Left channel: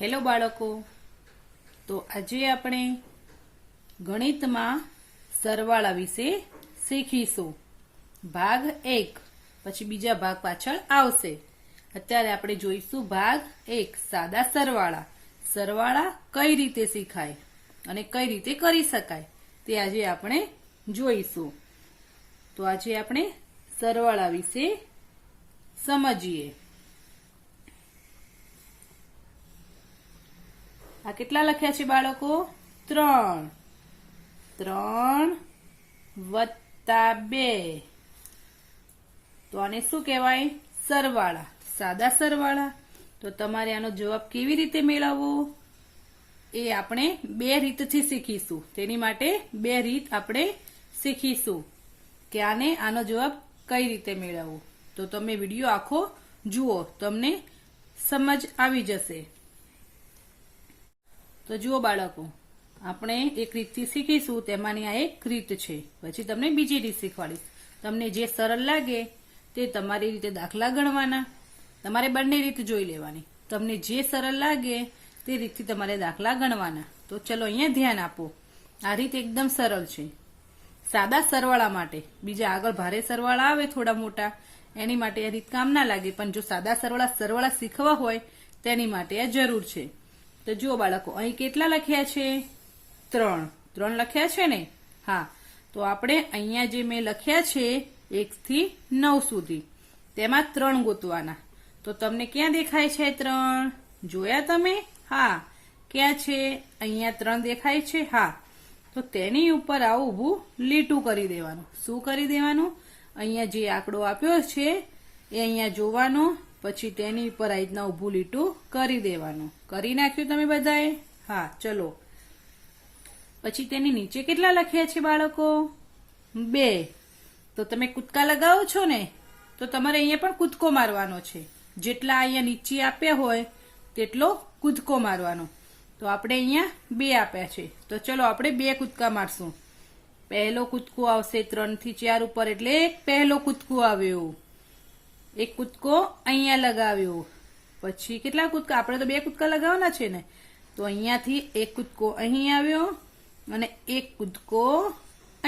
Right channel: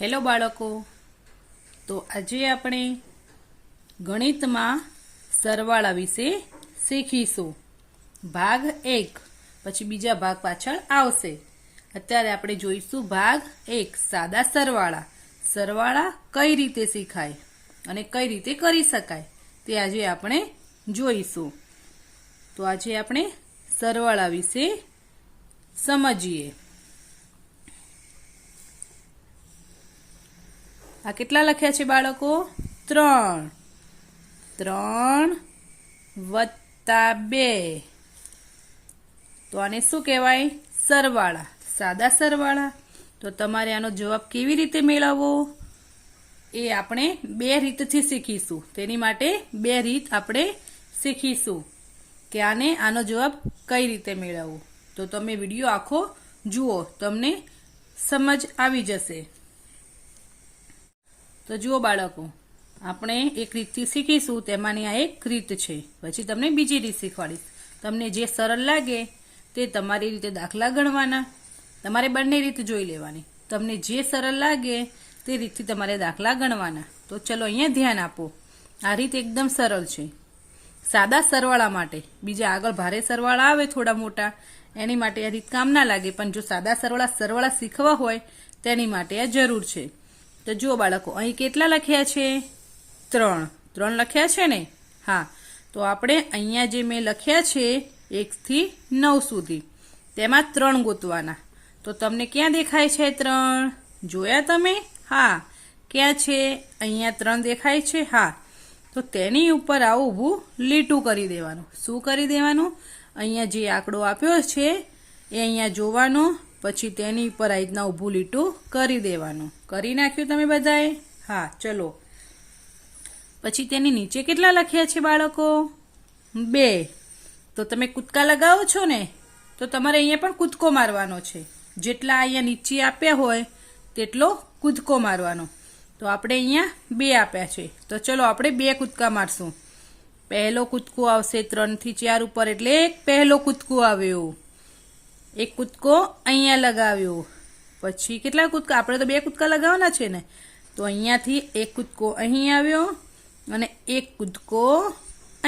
Hello બાળકો, તો આજે આપણે ગણિતમાં સરવાળા વિશે શીખીશું. ભાગ 1, પછી બીજા ભાગ પાછળ આવશે. અત્યારે આપણે જોઈશું ભાગ 1, સાદા સરવાળા. સરવાળા કઈ રીતે શીખાય અને કઈ રીતે કરી શકાય તે આજે આપણે જોઈશું. તો આજે આપણે સરવાળા વિશે સમજીએ. આ કેટલા લખ્યા છે બાળકો? 3. 3 વત્તા 2. તો આને શું કહેવાય? સરવાળા, સાદા સરવાળા. તો તમારે આનો જવાબ કેવી રીતે મેળવવો એ આપણે 2 રીતથી શીખીશું. તેની માટે 2 રીત આપણે શીખીશું કે આનો જવાબ કઈ રીતે મેળવવો. તો તમે વિડીયો આખો જુઓ, તમને સમજ આવી જશે. તો જુઓ બાળકો, આપણે એક રીતથી શીખીશું, તેમાંની આ એક રીત છે. પછી તમને બીજી રીત શીખવાડીશ. તમને જે સરળ લાગે તે તમારી રીતે દાખલા ગણવાના. તમારે બંને રીત જોઈ લેવાની. તમને જે સરળ લાગે તે રીતથી તમારે દાખલા ગણવાના. તો ચલો અહીંયા ધ્યાન આપો. આ રીત એકદમ સરળ છે સાદા સરવાળા માટે. બીજા આગળ ભારે સરવાળા આવે થોડા મોટા, એની માટે આ રીત કામ ના લાગે. પણ જો સાદા સરવાળા શીખવા હોય તેની માટે આ જરૂર છે. તો જુઓ બાળકો, અહીં કેટલા લખ્યા છે? 3. 3 લખ્યા છે ને? હા. તો આપણે અહીંયા જે મેં લખ્યા છે 1 થી 9 સુધી, તેમાં 3 ગોતવાના. તો તમને ક્યાં દેખાય છે 3? જોયા તમે? હા. ક્યાં છે? અહીંયા 3 દેખાય છે. હા. તો તેની ઉપર આવું ઊભું લીટું કરી દેવાનું. શું કરી દેવાનું? અહીંયા જે આંકડો આપ્યો છે એ અહીંયા જોવાનો, પછી તેની ઉપર આ રીતના ઊભું લીટું કરી દેવાનું. કરી નાખ્યું તમે બધાએ? હા. ચલો, પછી તેની નીચે કેટલા લખ્યા છે બાળકો? 2. તો તમે કૂદકા લગાવો છો ને, તો તમારે અહીંયા પણ કૂદકો મારવાનો છે. જેટલા અહીંયા નીચે આપ્યા હોય તેટલો કૂદકો મારવાનો. તો આપણે અહીંયા 2 આપ્યા છે, તો ચલો આપણે 2 કૂદકા મારશું. પહેલો કૂદકો આવશે 3 થી 4 ઉપર, એટલે પહેલો કૂદકો આવ્યો. એક કૂદકો અહીંયા લગાવ્યો. પછી કેટલા કૂદકા? આપણે તો 2 કૂદકા લગાવવાના છે ને. તો અહીંયાથી એક કૂદકો અહીં આવ્યો અને એક કૂદકો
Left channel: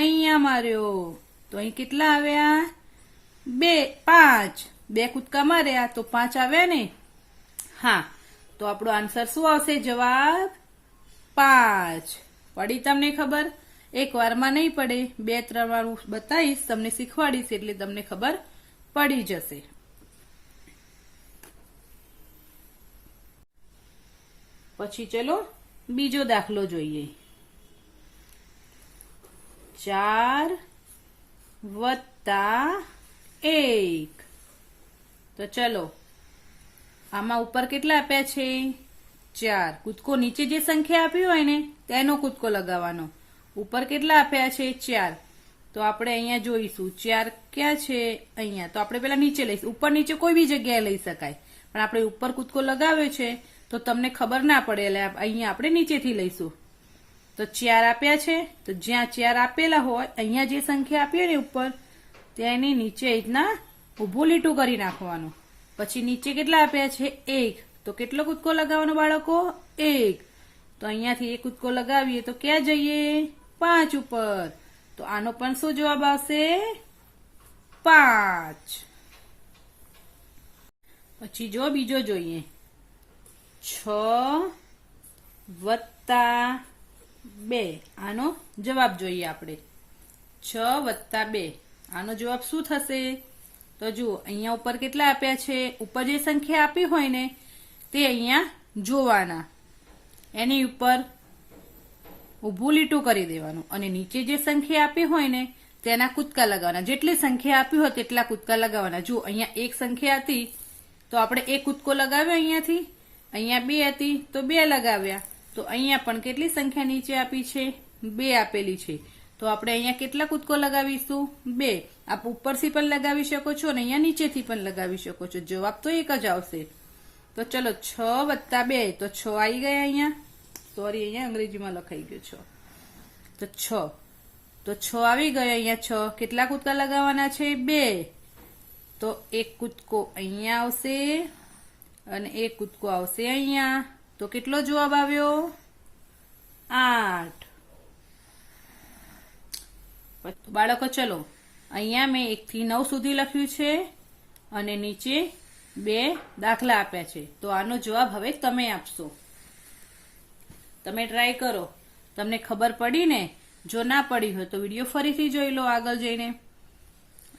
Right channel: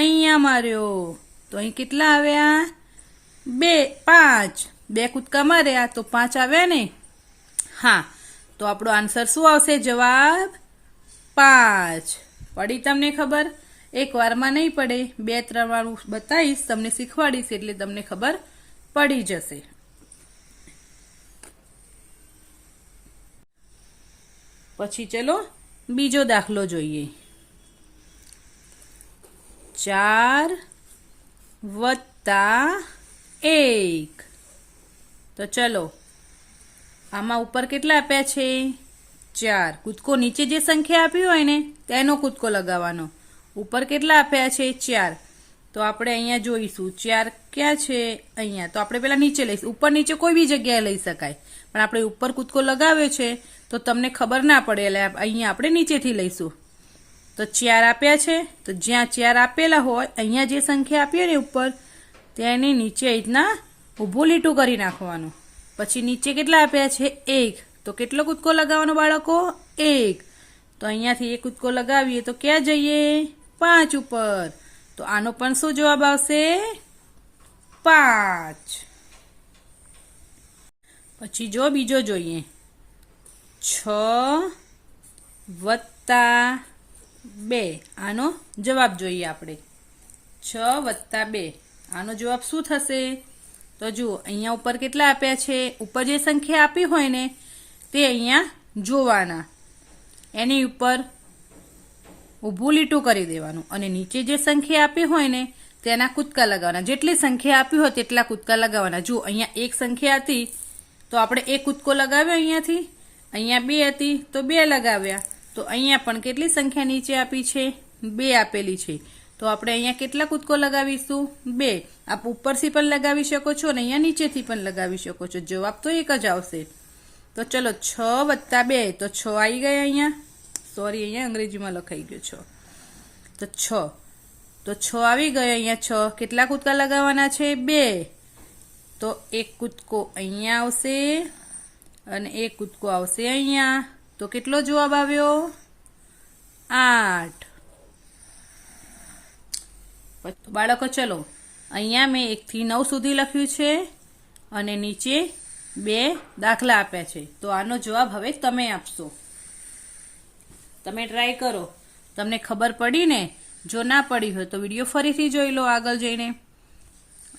અહીંયા માર્યો. તો અહીં કેટલા આવ્યા? 5. 2 કૂદકા માર્યા તો 5 આવ્યા ને? હા. તો આપણો આન્સર શું આવશે? જવાબ 5. પડી તમને ખબર? એક વારમાં નહીં પડે, 2-3 વાર બતાવીશ, તમને શીખવાડીશ, એટલે તમને ખબર પડી જશે. પછી ચલો બીજો દાખલો જોઈએ. 4 વત્તા 1. તો ચલો, આમાં ઉપર કેટલા આપ્યા છે? 4. કૂદકો નીચે જે સંખ્યા આપી હોય ને તેનો કૂદકો લગાવવાનો. ઉપર કેટલા આપ્યા છે? 4. તો આપણે અહીંયા જોઈશું 4 ક્યાં છે? અહીંયા. તો આપણે પેલા નીચે લઈશું. ઉપર નીચે કોઈ બી જગ્યાએ લઈ શકાય, પણ આપણે ઉપર કૂદકો લગાવ્યો છે તો તમને ખબર ના પડે, એટલે અહીંયા આપણે નીચેથી લઈશું. તો 4 આપ્યા છે, તો જ્યાં 4 આપેલા હોય અહીંયા જે સંખ્યા આપી હોય ને ઉપર, તેની નીચે રીતના ઊભું લીટું કરી નાખવાનું. પછી નીચે કેટલા આપ્યા છે? 1. તો કેટલો કૂદકો લગાવવાનો બાળકો? 1. તો અહીંયાથી એક કૂદકો લગાવીએ તો ક્યાં જઈએ? 5 ઉપર. તો આનો પણ શું જવાબ આવશે? 5. પછી જો બીજો જોઈએ. 6 વત્તા 2. આનો જવાબ જોઈએ આપણે. 6 વત્તા 2. આનો જવાબ શું થશે? તો જુઓ, અહીંયા ઉપર કેટલા આપ્યા છે? ઉપર જે સંખ્યા આપી હોય ને તે અહીંયા જોવાના, એની ઉપર ઊભું લીટું કરી દેવાનું, અને નીચે જે સંખ્યા આપી હોય ને તેના કૂદકા લગાવવાના. જેટલી સંખ્યા આપી હોય તેટલા કૂદકા લગાવવાના. જુઓ, અહીંયા એક સંખ્યા હતી તો આપણે એક કૂદકો લગાવ્યો અહીંયાથી. અહીંયા 2 હતી તો 2 લગાવ્યા. તો અહીંયા પણ કેટલી સંખ્યા નીચે આપી છે? 2 આપેલી છે. તો આપણે અહીંયા કેટલા કૂદકો લગાવીશું? 2. આપ ઉપરથી પણ લગાવી શકો છો અને અહીંયા નીચેથી પણ લગાવી શકો છો. જવાબ તો એક જ આવશે. તો ચલો, 6 વત્તા 2. તો 6 આવી ગયા અહીંયા. સોરી, અહીંયા અંગ્રેજીમાં લખાઈ ગયો 6. તો 6. તો 6 આવી ગયો અહીંયા. 6 કેટલા કૂદકા લગાવવાના છે? 2. તો એક કૂદકો અહીંયા આવશે અને એક કૂદકો આવશે અહીંયા. તો કેટલો જવાબ આવ્યો? 8. બાળકો ચલો, અહીંયા મેં 1 થી 9 સુધી લખ્યું છે અને નીચે 2 દાખલા આપ્યા છે. તો આનો જવાબ હવે તમે આપશો. તમે ટ્રાય કરો. તમને ખબર પડી ને? જો ના પડી હોય તો વિડીયો ફરીથી જોઈ લો આગળ જઈને,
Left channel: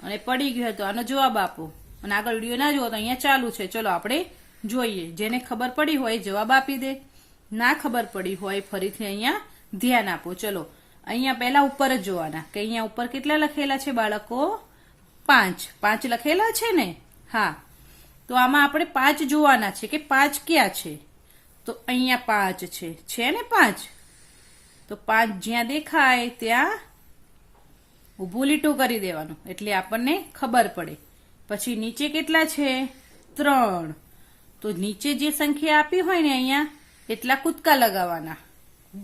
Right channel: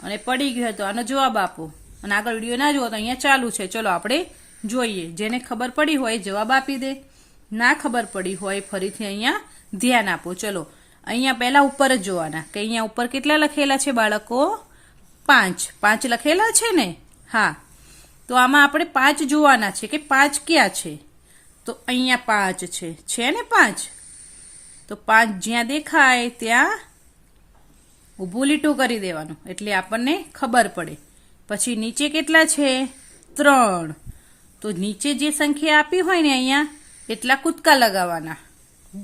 અને પડી ગયો હોય તો આનો જવાબ આપો. અને આગળ વિડીયો ના જુઓ તો અહીંયા ચાલુ છે. ચલો આપણે જોઈએ. જેને ખબર પડી હોય જવાબ આપી દે, ના ખબર પડી હોય ફરીથી અહીંયા ધ્યાન આપો. ચલો અહીંયા પહેલા ઉપર જ જોવાના કે અહીંયા ઉપર કેટલા લખેલા છે બાળકો? 5. 5 લખેલા છે ને? હા. તો આમાં આપણે 5 જોવાના છે કે 5 ક્યાં છે. તો અહીંયા 5 છે ને 5? તો 5 જ્યાં દેખાય ત્યાં ઊભું લીટું કરી દેવાનું એટલે આપણને ખબર પડે. પછી નીચે કેટલા છે? 3. તો નીચે જે સંખ્યા આપી હોય ને અહીંયા એટલા કૂદકા લગાવવાના,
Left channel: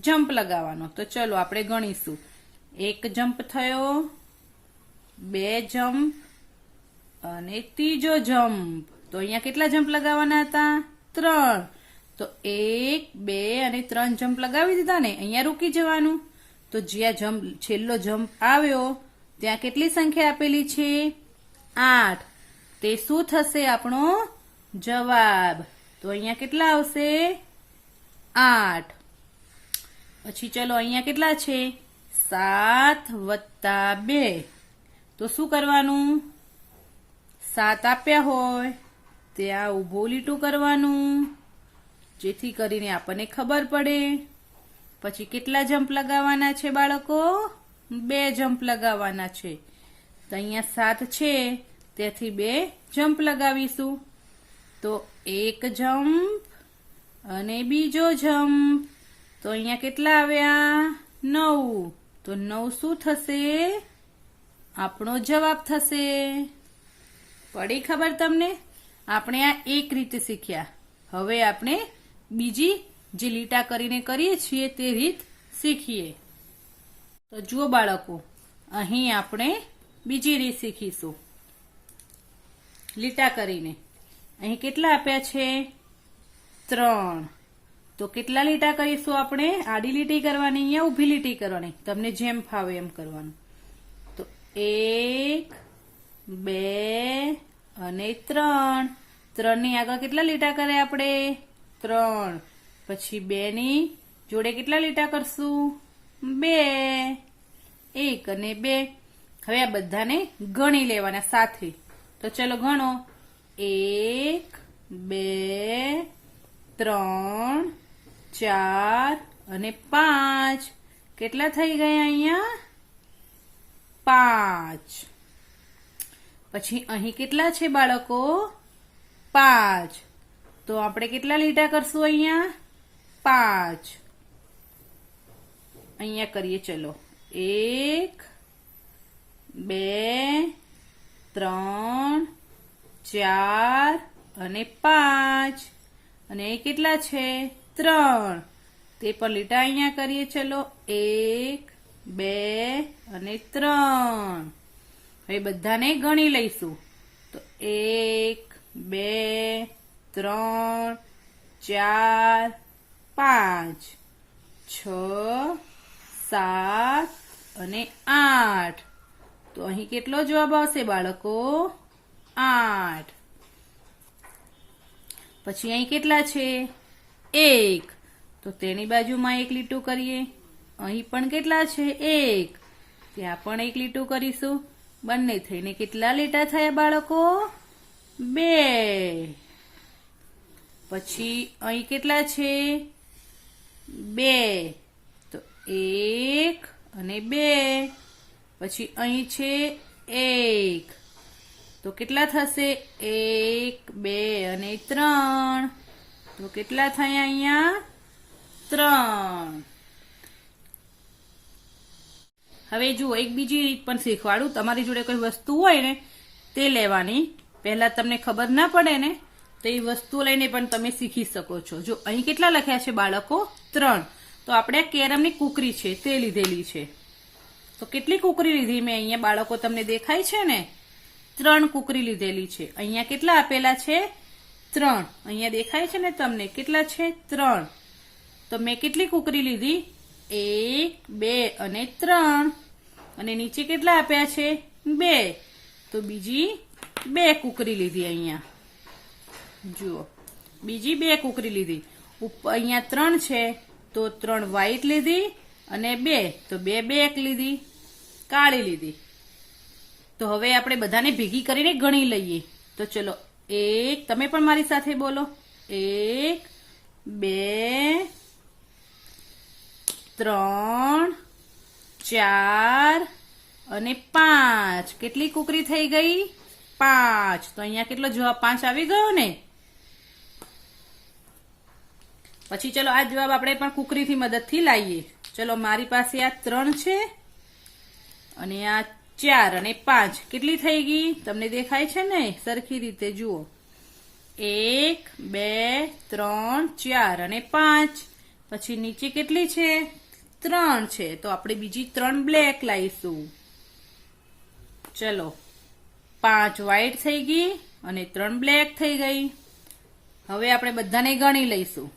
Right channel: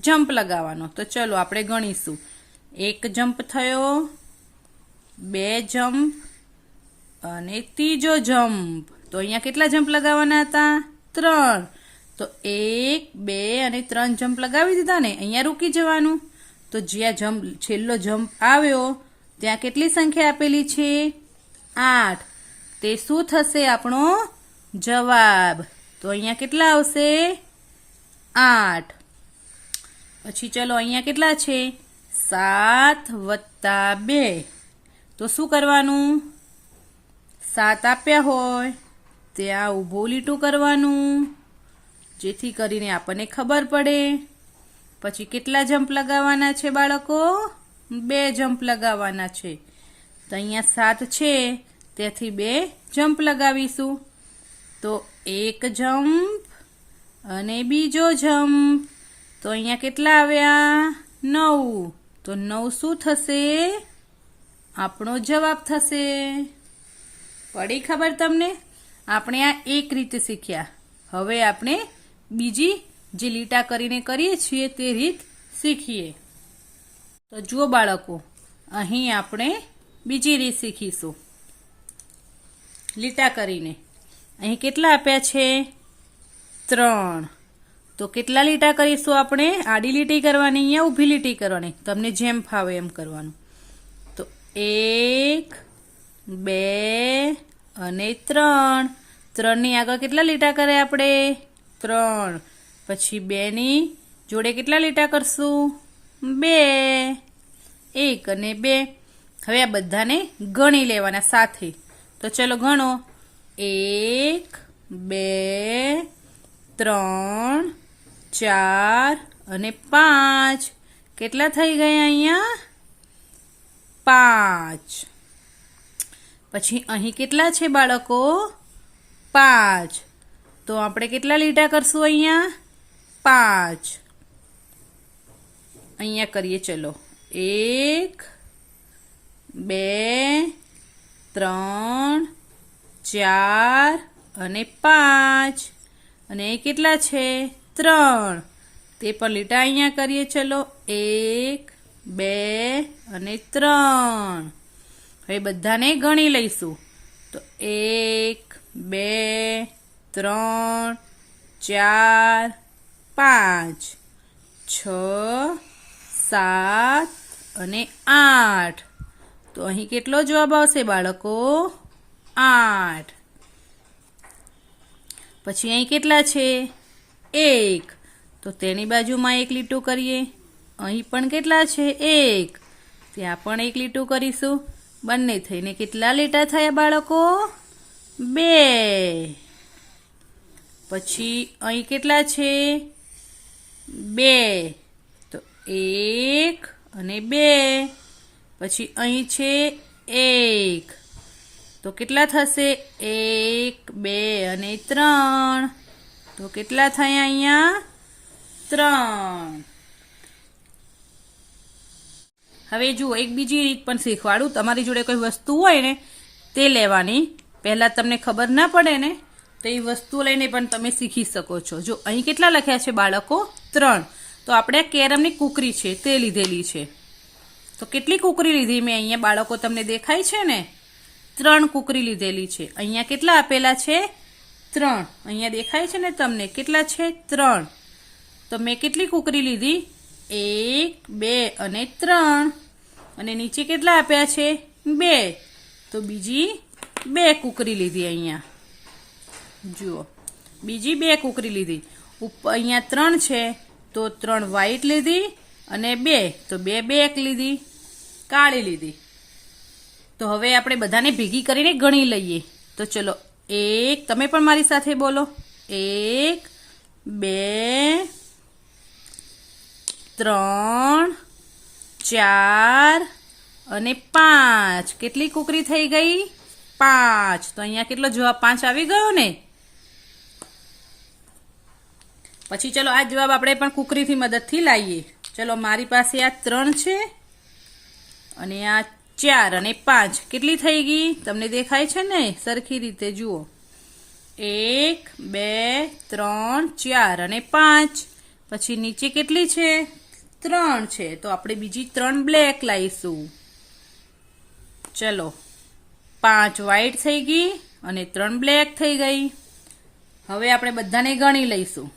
જમ્પ લગાવવાનો. તો ચલો આપણે ગણીશું. 1 જમ્પ થયો, 2 જમ્પ અને 3જો જમ્પ. તો અહીંયા કેટલા જમ્પ લગાવવાના હતા? 3. તો 1, 2 અને 3 જમ્પ લગાવી દીધા ને. અહીંયા રૂકી જવાનું. તો જ્યાં છેલ્લો જમ્પ આવ્યો ત્યાં કેટલી સંખ્યા આપેલી છે? 8. તે શું થશે? આપણો જવાબ. તો અહીંયા કેટલા આવશે? 8. પછી ચલો અહીંયા કેટલા છે? 7 + 2. તો શું કરવાનું? 7 આપ્યા હોય ત્યાં ઊભું લીટું કરવાનું જેથી કરીને આપણને ખબર પડે. પછી કેટલા જમ્પ લગાવવાના છે બાળકો? 2 જમ્પ લગાવવાના છે. તો અહીંયા 7 છે તેથી 2 જમ્પ લગાવીશું. તો 1 જમ્પ અને બીજો જમ્પ. તો અહીંયા કેટલા આવ્યા? 9. તો 9 શું થશે? આપણો જવાબ થશે. પડી ખબર તમને? આપણે આ એક રીત શીખ્યા. હવે આપણે બીજી જે લીટા કરીને કરીએ છીએ તે રીત શીખીએ. તો જુઓ બાળકો, અહીં આપણે બીજી રીત શીખીશું લીટા કરીને. અહીં કેટલા આપ્યા છે? 3. તો કેટલા લીટા કરીશું આપણે? આડી લીટી કરવાની, અહીંયા ઊભી લીટી કરવાની. તમને જેમ ફાવે એમ કરવાનું. તો 1, 2 અને 3. 3 ની આગળ કેટલા લીટા કરે આપણે? 3. પછી 2 ની જોડે કેટલા લીટા કરશું? 2. 1 અને 2. હવે આ બધાને ગણી લેવાના સાથે. તો ચલો ગણો. 1, 2, 3, 4 અને 5. કેટલા થઈ ગયા અહીંયા? 5. પછી અહીં કેટલા છે બાળકો? 5. તો આપણે કેટલા લીટા કરશું અહીંયા? 5. અહીંયા કરીએ ચલો. 1, 2, 3, 4 અને 5. અને એ કેટલા છે? 3. તે પણ લીટા અહીંયા કરીએ ચલો. 1, 2 અને 3. હવે બધાને ગણી લઈશું. તો 1, 2, 3, 4, 5, 6, 7 અને 8. તો અહીં કેટલો જવાબ આવશે બાળકો? 8. પછી અહીં કેટલા છે? 1. તો તેની બાજુમાં એક લીટું કરીએ. અહીં પણ કેટલા છે? 1. ત્યાં પણ એક લીટું કરીશું. બંને થઈને કેટલા લીટા થયા બાળકો? 2. પછી અહીં કેટલા છે? 2. તો 1 અને 2. પછી અહીં છે 1. તો કેટલા થશે? 1, 2 અને 3. તો કેટલા થયા અહીંયા? 3. હવે જુઓ, એક બીજી રીત પણ શીખવાડું. તમારી જોડે કોઈ વસ્તુ હોય ને તે લેવાની. પહેલા તમને ખબર ના પડે ને તો એ વસ્તુ લઈને પણ તમે શીખી શકો છો. જો અહીં કેટલા લખ્યા છે બાળકો? 3. તો આપણે કેરમની કુકરી છે તે લીધેલી છે. તો કેટલી કુકરી લીધી મેં અહીંયા બાળકો? તમને દેખાય છે ને? 3 કુકરી લીધેલી છે. અહીંયા કેટલા આપેલા છે? 3 અહીંયા દેખાય છે ને તમને કેટલા છે 3 તો મેં કેટલી કુકરી લીધી 1 2 અને 3 અને નીચે કેટલા આપ્યા છે 2 તો બીજી 2 કુકરી લીધી અહીંયા જુઓ બીજી 2 કુકરી લીધી ઉપર અહીંયા 3 છે તો 3 વ્હાઈટ લીધી અને 2 તો 2 લીધી કાળી લીધી તો હવે આપણે બધાને ભેગી કરીને ગણી લઈએ તો ચલો 1 તમે પણ મારી સાથે બોલો 1 2 3 4 અને 5 કેટલી કુકરી થઈ ગઈ 5 તો અહીંયા કેટલો જવાબ 5 આવી ગયો ને પછી ચલો આ જવાબ આપણે પણ કુકરીથી મદદથી લાવીએ ચલો મારી પાસે આ 3 છે અને આ 4 અને 5 કેટલી થઈ ગઈ તમને દેખાય છે ને સરખી રીતે જુઓ 1 2 3 4 અને 5 પછી નીચે કેટલી છે 3 છે તો આપણે બીજી 3 બ્લેક લાવીશું ચલો 5 વ્હાઈટ થઈ ગઈ અને 3 બ્લેક થઈ ગઈ હવે આપણે બધાને ગણી લઈશું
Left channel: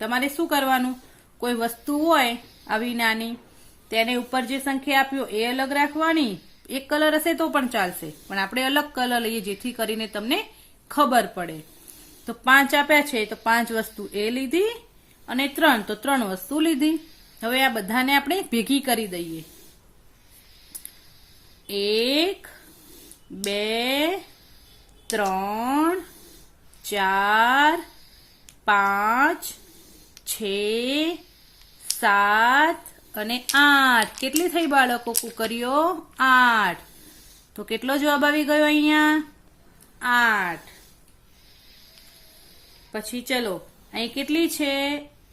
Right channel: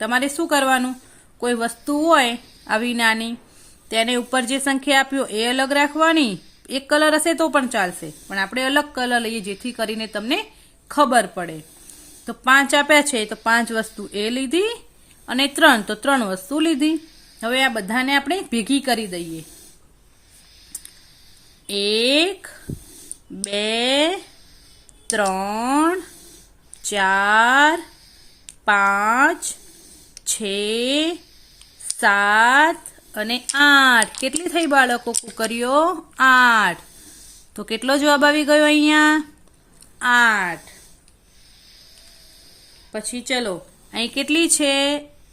તમારે શું કરવાનું કોઈ વસ્તુ હોય આવી નાની તેને ઉપર જે સંખ્યા આપ્યો એ અલગ રાખવાની એક કલર હશે તો પણ ચાલશે પણ આપણે અલગ કલર લઈએ જેથી કરીને તમને ખબર પડે તો 5 આપ્યા છે તો 5 વસ્તુ એ લીધી અને 3 તો 3 વસ્તુ લીધી હવે આ બધાને આપણે ભેગી કરી દઈએ 1 2 3 4 5 6 7 અને 8 કેટલી થઈ બાળકો કુકરીઓ 8 તો કેટલો જવાબ આવી ગયો અહીંયા 8 પછી ચલો અહીં કેટલી છે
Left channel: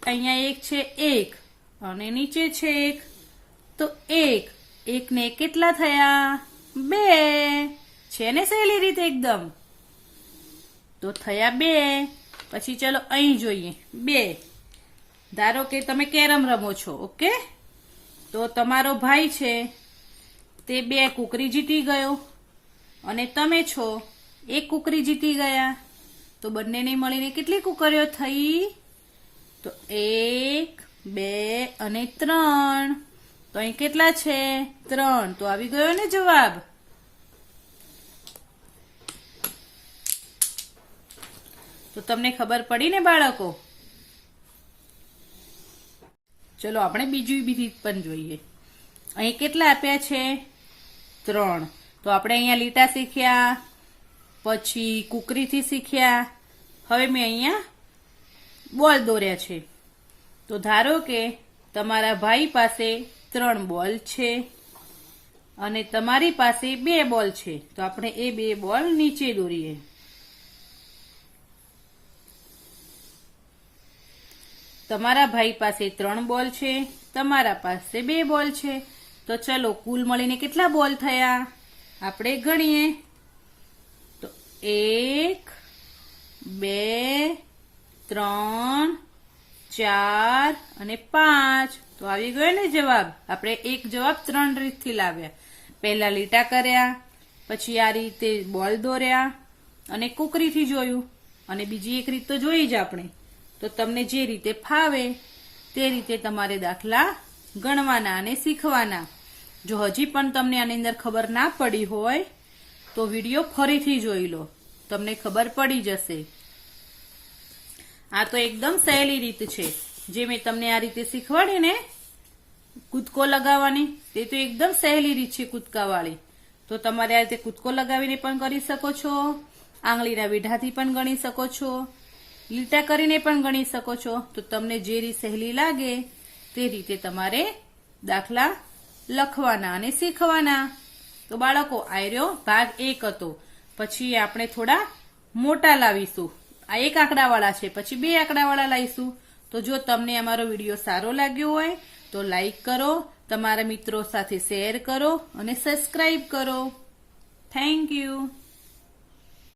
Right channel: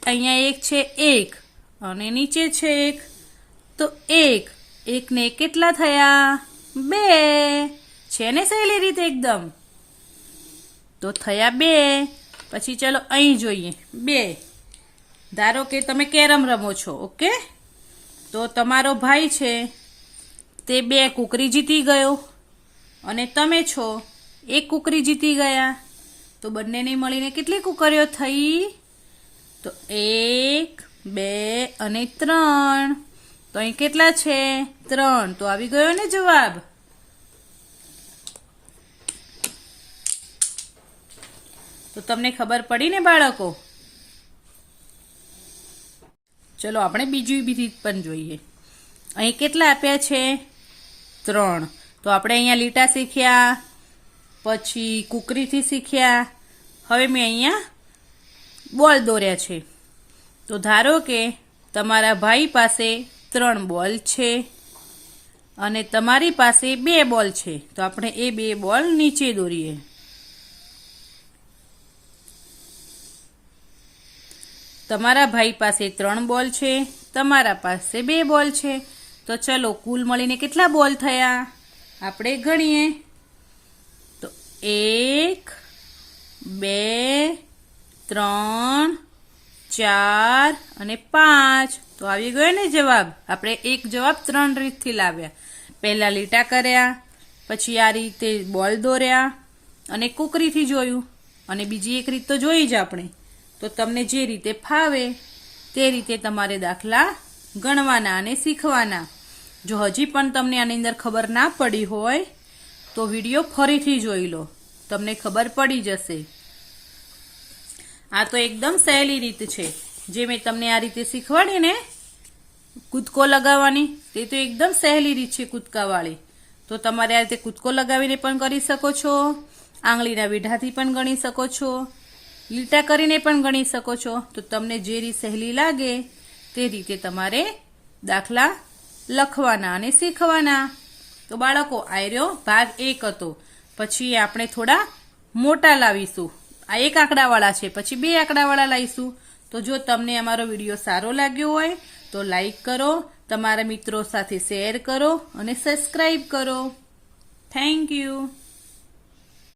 અહીંયા એક છે 1 અને નીચે છે 1 તો 1 ને કેટલા થયા 2 છે ને સહેલી રીતે એકદમ તો થયા 2 પછી ચલો અહીં જોઈએ 2 ધારો કે તમે કેરમ રમો છો ઓકે તો તમારો ભાઈ છે તે 2 કુકરી જીતી ગયો અને તમે છો 1 કુકરી જીતી ગયા તો બંનેને મળીને કેટલી કુકરીઓ થઈ તો 1 2 અને 3 તો અહીં કેટલા છે 3 તો આવી ગયો ને જવાબ તો તમને ખબર પડી ને બાળકો ચલો આપણે બીજી રીત પણ જોઈએ અહીં કેટલા આપ્યા છે 3 તો આપણે અહીંયા લીટા શીખ્યા પછી કુકરીથી શીખ્યા હવે મેં અહીંયા બોલ દોર્યા છે તો ધારો કે તમારા ભાઈ પાસે 3 બોલ છે અને તમારી પાસે 2 બોલ છે તો આપણે એ 2 બોલ નીચે દોરીએ તમારા ભાઈ પાસે 3 બોલ છે તમારા પાસે 2 બોલ છે તો ચલો કુલ મળીને કેટલા બોલ થયા આપણે ગણીએ તો 1 2 3 4 અને 5 તો આવી ગયો ને જવાબ આપણે એક જવાબ 3 રીતથી લાવ્યા પહેલા લીટા કર્યા પછી આ રીતે બોલ દોર્યા અને કુકરીથી જોયું અને બીજી એક રીત તો જોઈ જ આપણે તો તમને જે રીતે ફાવે તે રીતે તમારે દાખલા ગણવાના અને શીખવાના જો હજી પણ તમને આની અંદર ખબર ના પડી હોય તો વિડીયો ફરીથી જોઈ લો તમને ખબર પડી જશે આ તો એકદમ સહેલી રીત છે જે મેં તમને આ રીતે શીખવાડી ને કૂદકો લગાવવાની તે તો એકદમ સહેલી રીત છે કૂદકાવાળી તો તમારે આ રીતે કૂદકો લગાવીને પણ કરી શકો છો આંગળીના વીઢાથી પણ ગણી શકો છો લીટા કરીને પણ ગણી શકો છો તો તમને જે રીત સહેલી લાગે તે રીતે તમારે દાખલા લખવાના અને શીખવાના તો બાળકો આયરો ભાગ 1 હતો પછી આપણે થોડા મોટા લાવીશું આ 1 આંકડાવાળા છે પછી 2 આંકડાવાળા લાવીશું તો જો તમને અમારો વિડીયો સારો લાગ્યો હોય તો લાઈક કરો તમારા મિત્રો સાથે શેર કરો અને સબસ્ક્રાઇબ કરો થેન્ક યુ